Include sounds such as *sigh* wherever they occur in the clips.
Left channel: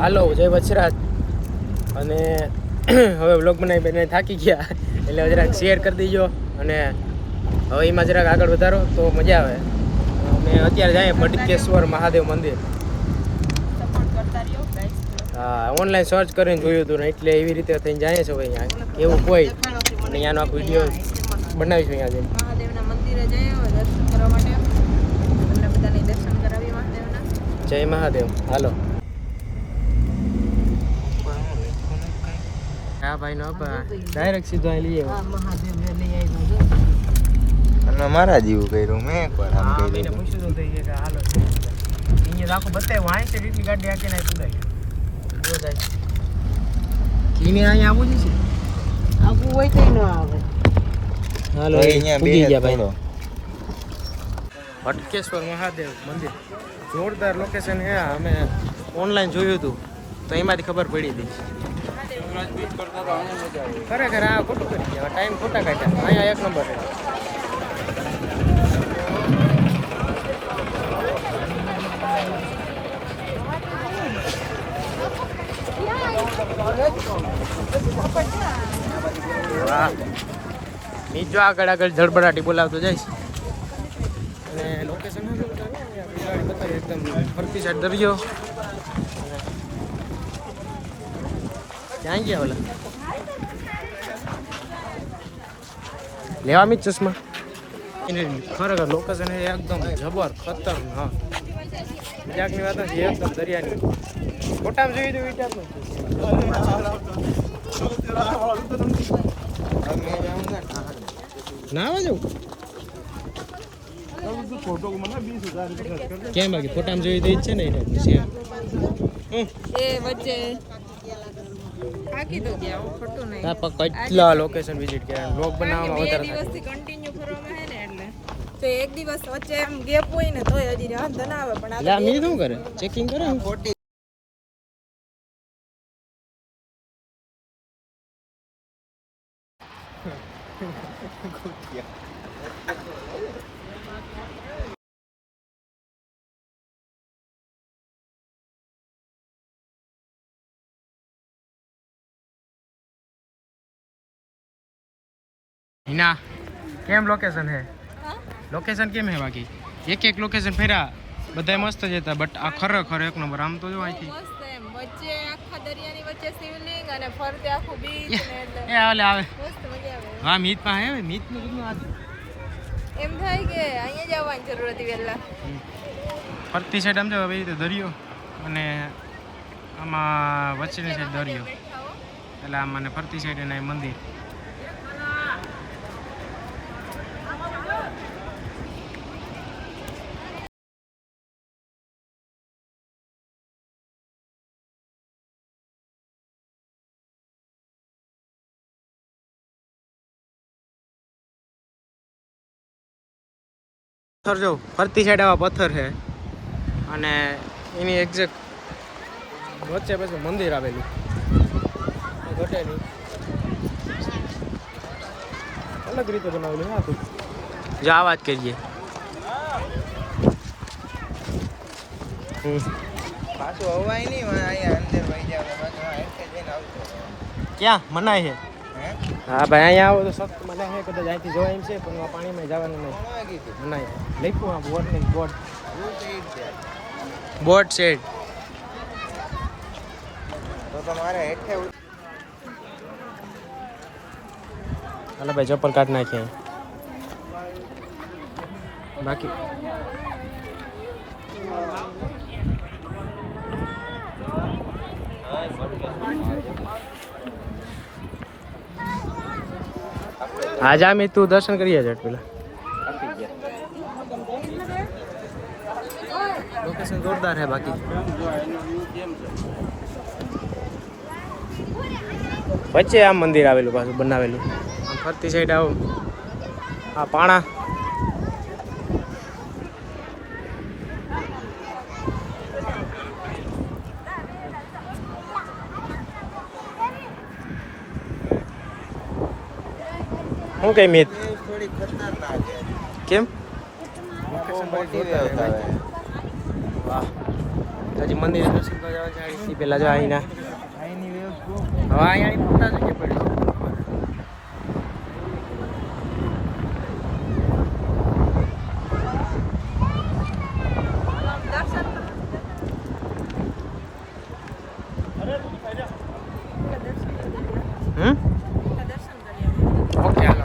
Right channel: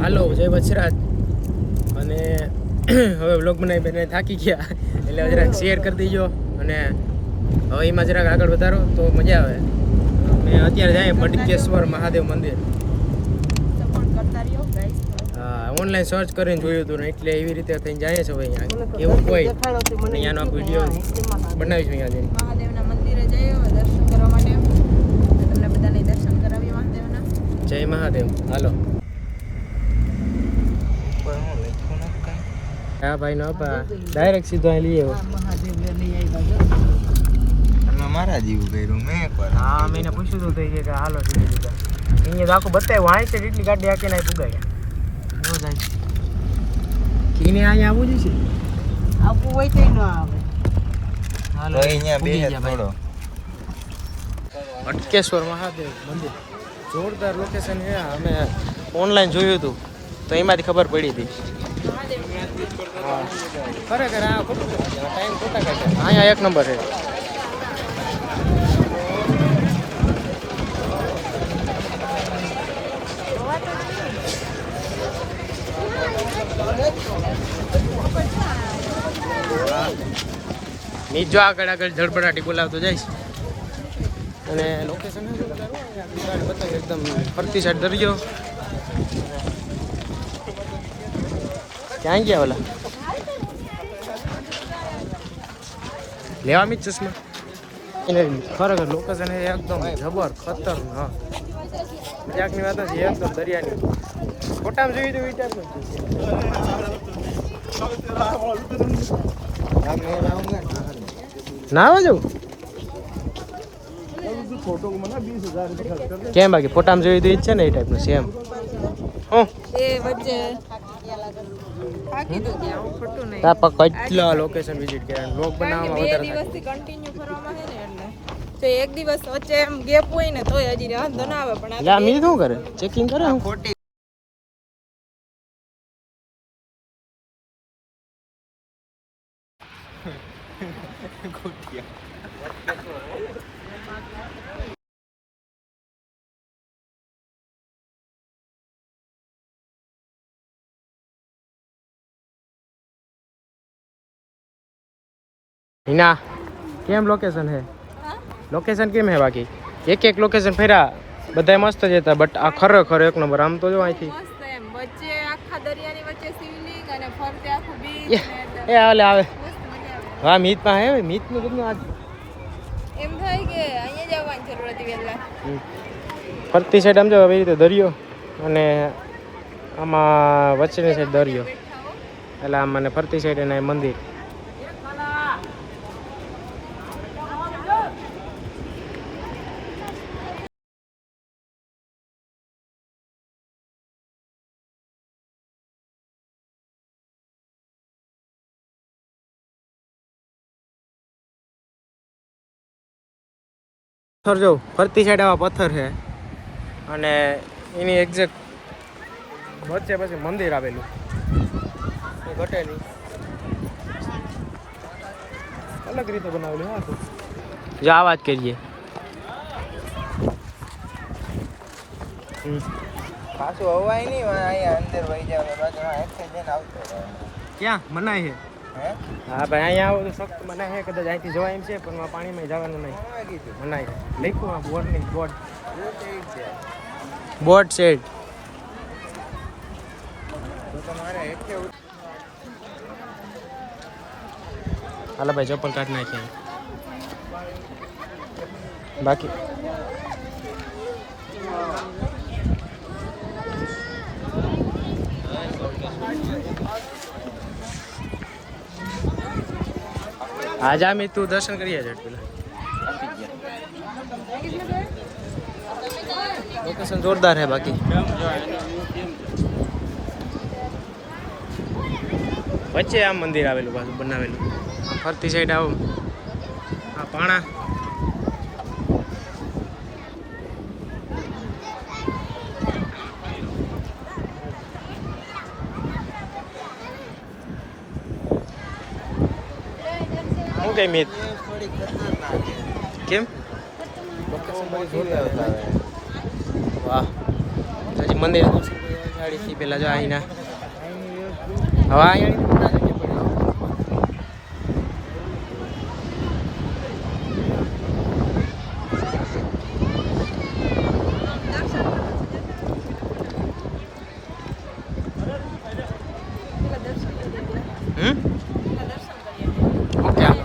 હાલો જય વછરાજ અને *clears throat* હવે બ્લોગ બનાવી બેને થાકી ગયા. એટલે જરાક શેર કરી દીજો અને હવે એમાં જરાક આગળ વધારો તો મજા આવે. અમે અત્યારે જાય ભટકેશ્વર મહાદેવ મંદિર. હા ઓનલાઈન સર્ચ કરીને જોયું હતું ને એટલે એવી રીતે થઈને જાય છે હવે અહીંયા. એવું કોઈ. અને અહીંયાનો આખો વીડિયો બનાવીશું અહીંયા જઈને. મહાદેવના મંદિરે જઈએ દર્શન કરવા માટે. તમને બધાને દર્શન કરાવી મહાદેવના. જય મહાદેવ. હાલો હા ભાઈ નો ડાયરેક્ટ સીધો અહીં લઈ આવ્યા. અને મારા જેવું કર્યું મેં એકવાર હા મેં પૂછ્યું હતું કે હાલો અહીંયા તો આખું બતાવ્યું. અહીં છે એટલી ગાડી આખી નાખી પુગાય જો જાય. એને અહીંયા આવવું જ છે. આવું હોય તો ન આવે. હાલો અહીંયા પૂગી ગયા ભાઈ કરો. ભટકેશ્વર મહાદેવ મંદિર. જોરદાર લોકેશન છે આ. અમે ઓનલાઈન જોયું હતું. તો એમાંથી ખબર પડી હતી ખરેખર આ ખોટું કરી ગયા. ટાઈમ ખોટા કાઢ્યા અહીંયા એક નંબર છે. વાહ. નીચો આગળ આગળ ધડબડાટી બોલાવતો જઈશ અને લોકેશન એકદમ ફરતી સાઈડ દરિયો. ક્યાં ગયા ઓલા? લેવા મી ચશ્મા? એને ખરેખર લોકેશન એકદમ જબર ખતરનાક. મજાકની વાત નથી એકદમ દરિયાની. ફોટામાં જોઈ તો જાઉંગા ને. ના આવે જવું કેમ બાકી? ફોટામાં જોઈ તો ઈચ્છે જ છે ને એ ટાઈપનું સેમ? હું એ વચ્ચે. તો ખોટું પર કેટલા લોકેશન વિઝિટ કર્યા? બ્લોગ બનાવવામાં બે વધારે. દિવસથી કન્ટિન્યુ ફરવામાં હે ને એટલે. તો એક દિવસ વચ્ચે એમ ગેપ હોય ને તોય હજી વાંધો ના આવે પણ એટલે આ મી શું કરે? ચેકિંગ કરે હું? ખોટી *laughs* હિના કેમ લોકેશન હે? લોકેશન કેમ હે બાકી? એક એક લોકેશન ફેરા બધા મસ્ત જ હતા બટ આ ખરેખર એક નંબર આમ તો જો અહીંથી. મસ્ત એમ. વચ્ચે આખા દરિયાની વચ્ચે શિવલિંગ અને ફરતે આખું બીચ એ ને એટલે આવે. હા મીતમાં હે કેટલું આજ. એમ થાય કે અહીંયા જ જરૂર હતી વહેલા. ફરતી સાઈડ આમ જો આવી રીતે દરિયો અને આમાં વચ્ચેની સાઈડ દરિયો. એટલે આમ મને ફરતી સાઈડ એના મંદિર. પથ્થર જો ફરતી સાઈડ આવા પથ્થર છે. અને એની એક્ઝેક્ટ વચ્ચે પછી મંદિર આવેલું. ઘટે નહીં અલગ રીતે બનાવેલું હા તું. જો આ વાત કરીએ. પાછું અવાય નહીં અહીંયા અંદર વહી જાવ પાછું. ક્યાં? મનાય છે. હે હા ભાઈ, અહીંયા આવો તો સખત મનાય છે, કદાચ અહીંથી જવા એમ છે, પણ આ પાણીમાં જવાનું નહીં. મનાય લખ્યું બોટ નહીં બોટ હેઠે ઉત- હાલો ભાઈ, ચપ્પલ કાઢ નાખીએ. બાકી આજે આમ તું દર્શન કરીએ છે પેલા. લોકેશન જોરદાર છે બાકી. વચ્ચે આમ મંદિર આવેલું, પાછું બનાવેલું. આમ ફરતી સાઈડ આવો. આ પાણા. શું કઈ મિત કેમ? લોકેશન બધી જોરદાર છે ભાઈ. વાહ. હજી મંદિર દર્શન કરવા એ પહેલાં જો અહીંના હવે અહીંયા ફોટા છે કે પડી હમ દર્શન કરી ઓકે હાલો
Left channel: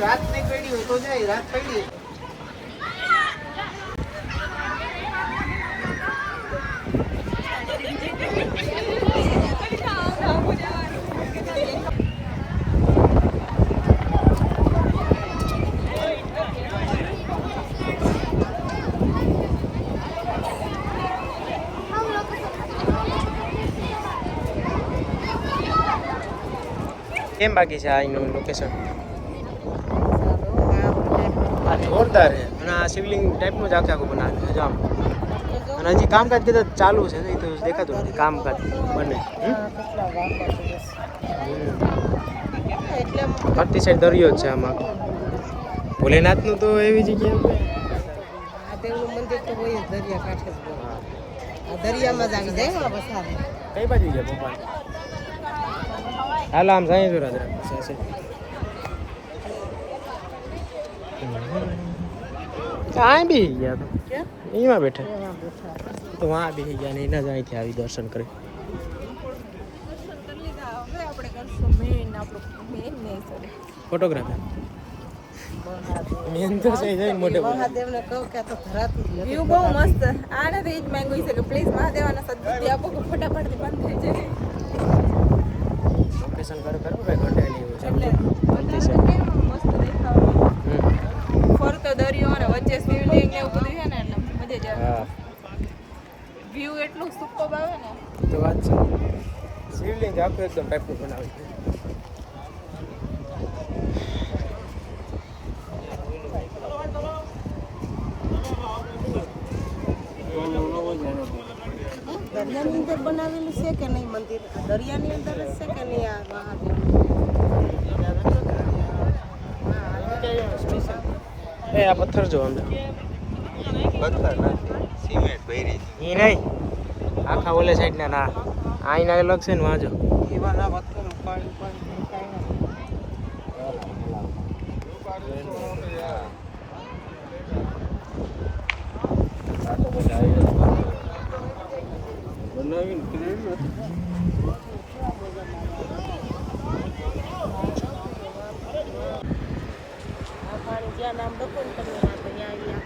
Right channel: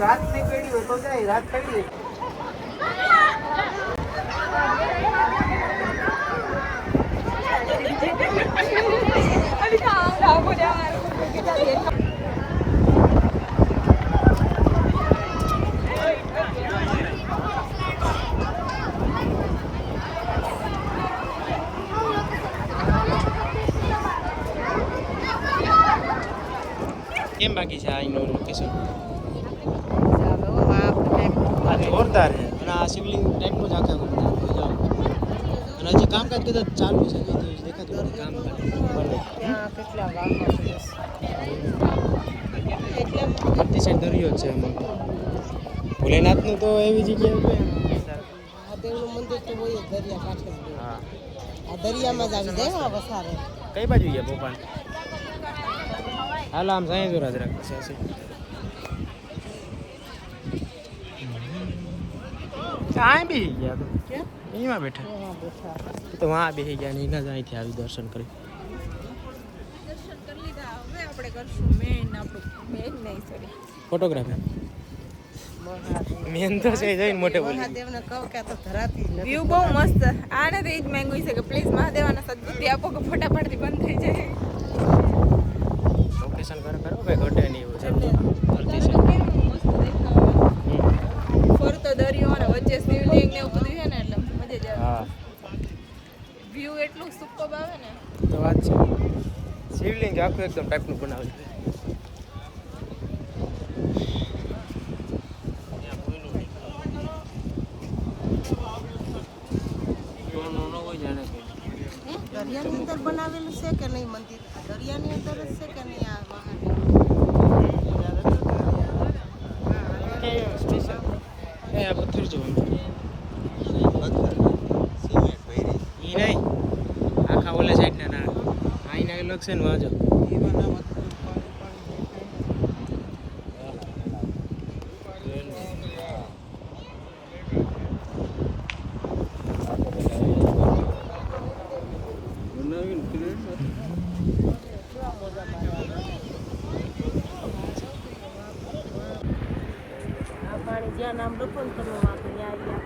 રાતની પડી હોય તો જાય રાત પડી *laughs* *laughs* કેમ બાકી છે આ લોકેશન આ જોરદાર છે. અને આ શિવલિંગ ટાઈપનું જ આખે આખું બનાવેલું છે જો આમ. અને હજી કામકાજ કદાચ ચાલુ છે એ તો દેખાતું નથી. કામકાજ બને. ફરતી સાઈડ દરિયો જ છે આમાં. ભોલેનાથનું તો એવી જગ્યા છે મંદિર તો દરિયા કાંઠે જ હોય. હા. આ દરિયામાં જ આવી જાય કઈ બાજુ ગયા પપ્પા હાલો આમ પછી હશે કાંઈ બી ગયા એમાં બેઠા. તો વાં બેસી ગયા ને એના જ અહીંથી આવી દર્શન કરી. દર્શન કરી લીધા. હવે આપણે કરશું મેન આપણું મેન નહીં સરે ફોટોગ્રાફર મેન તો છે જઈને મોટે મહાદેવને કહું કે તો ધરાતી જ વ્યૂ બહુ મસ્ત આને તો એ જ માંગ્યું છે કે પ્લીઝ મહાદેવાના સદબુદ્ધિ આપો કે ફટાફટથી બંધ થઈ જાય. લોકેશન કરો કરો ભાઈ ઘટે નહીં એવું સમજો ફરતી મસ્ત દેખાવ હમ. ફરતો દરિયો અને વચ્ચે શિવલિંગ ને એવું બધું છે ને એટલે મજા જ આવે. હા. વ્યૂ એટલું સુપર આવે ને. તો વાત છે. શિવલિંગ આખું એકદમ ટાઈપનું બનાવ્યું છે. દરિયાની અંદર બનાવેલું છે કે નહીં મંદિર? દરિયાની અંદર જ છે કે નહીં આ મહાદેવ એ આ પથ્થર જો અંદર. પથ્થર સિમેન્ટ ભરી. એ નહીં. આખા ઓલે સાઈડના ના. આઈના અલગ છે ને વાંચો ઈવાના પથ્થર ઉપાડી ઉપાડી જ્યાં નામ લખો તમે આ દરિયા અહીંયા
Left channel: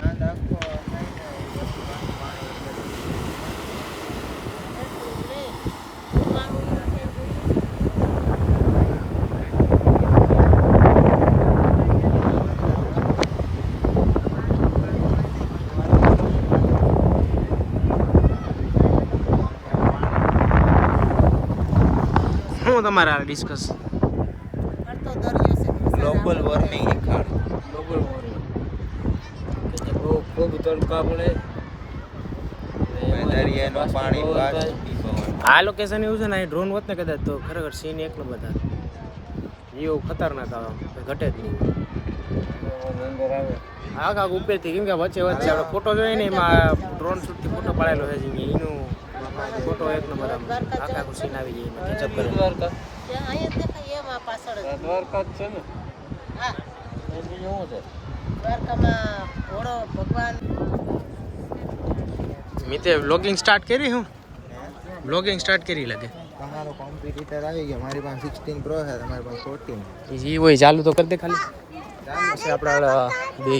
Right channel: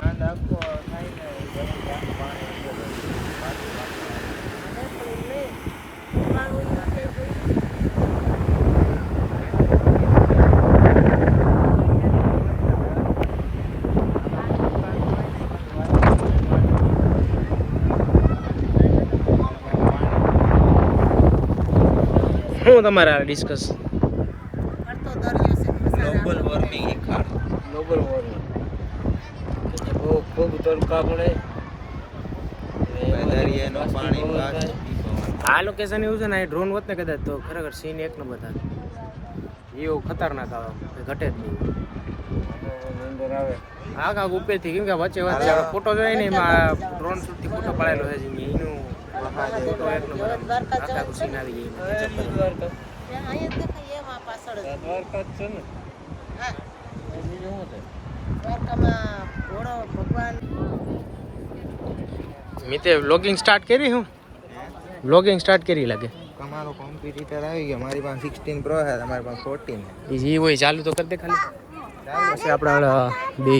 આનંદ આખો થાય ને એ બધું પાણી શું આ discuss global warming global warming બહુ ખૂબ તડકા પડે દરિયાનું પાણી આ લોકેશન એવું છે ને અહીં ડ્રોન હોત ને કદાચ તો ખરેખર સીન એક નંબર થાય એવું ખતરનાક આવે ઘટે જ નહીં. આગ આગ ઉપરથી કેમ કે વચ્ચે વચ્ચે આપણે ફોટો જોઈએ ને એમાં ડ્રોન શૂટથી ફોટો પડાયેલો છે એનું ફોટો એક નંબર આમ આખા આખું સીન આવી જાય એમાં. capture કરી. દ્વારકા. જ. દ્વારકા જ છે ને? હા. બીજું શું છે? દ્વારકામાં ઘોડો ભગવાન. મિતે વ્લોગિંગ સ્ટાર્ટ કરી હું? વ્લોગિંગ સ્ટાર્ટ કરી લાગે. તમારો કોમ્પિટિટર આવી ગયો. મારી પાસે સિક્સટીન પ્રો છે તમારી પાસે 14 છે. ઈ હોય ચાલુ તો કરી દે ખાલી. ચાલુ પછી આપણે બે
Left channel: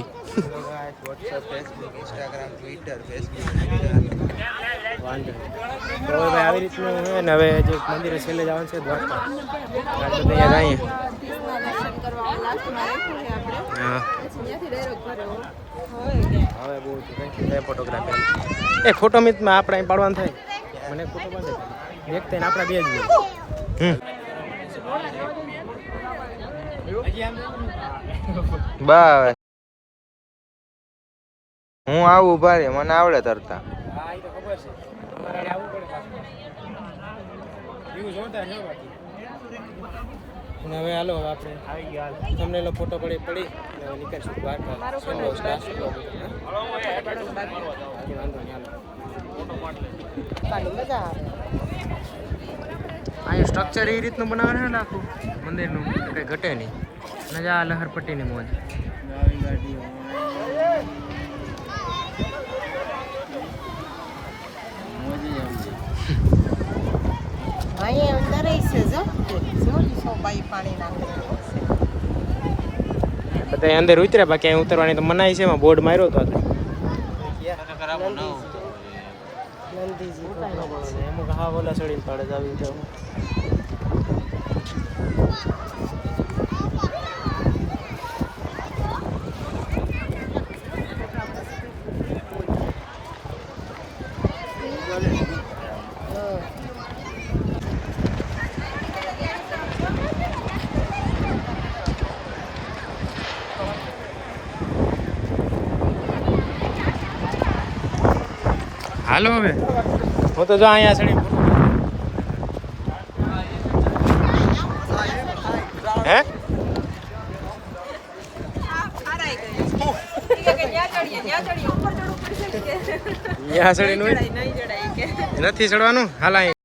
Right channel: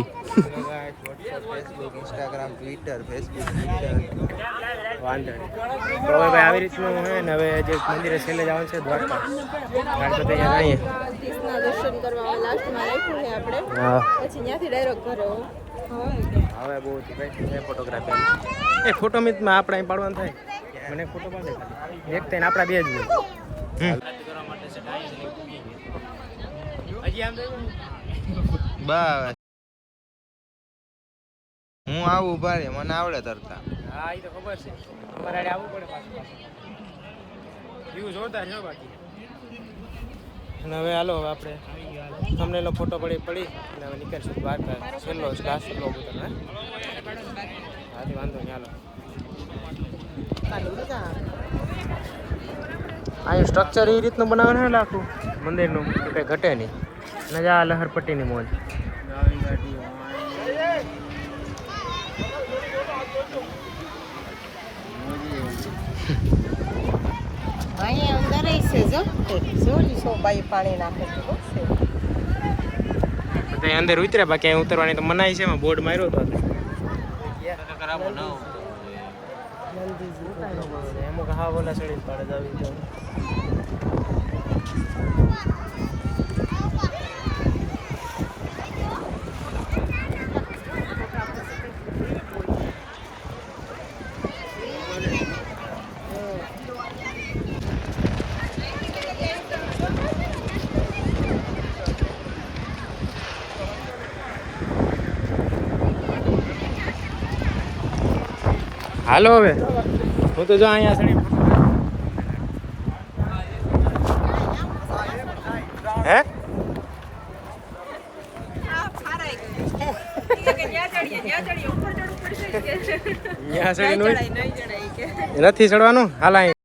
વાંધો નહીં. તો હવે ભાઈ આવી રીતનું છે ને હવે જે મંદિરે છેલ્લે જવાનું છે દ્વારકા. આજ બધા અહીંયા જઈએ દ્વારકાધીશના દર્શન કરવા લાસ્ટમાં રાખ્યું છે આપણે. હા. પછી ત્યાંથી ડાયરેક્ટ ઘરે હો. હવે બહુ કઈ ફોટોગ્રાફી એ ફોટો મિતમાં આપણે અહીં પાડવાનું થાય. મને ફોટો પાડે એક થઈને આપણા બે જ હમ. બસ. હું આવું ઊભા રે મને આવડે તરતા. હા એ તો ખબર છે. અમારે આવવું પડે પાછું. જોતા જો બાકી. હવે હાલો આપણે આવી ગયા. તમને એનો ફોટો પડી પડી. અને હવે નીકળશું બહાર છેલ્લો લાસ્ટ બ્લોગ હાથી વાંધો નહીં હાલો. અહીં સ્ટ્રક્ચર એ રીતનું બનાવવાનું ને આખું મંદિરનું કંઈ ઘટે નહીં. અને જા લહરપટ્ટીની મોજ. અહીંયા અંદર છે જો જોડી છો બાઈ પાણી નાખે બધા અંદર ઉતર્યા બાકી અહીં ઉતરવાની તો મનાઈ છે એમાં બોર્ડ માર્યો હતો અમુક હા બોલા ચડી પડે આવી હાલો હવે. હું તો જો અહીંયા ચડી હે? નથી ચડવાનું? હાલ અહીં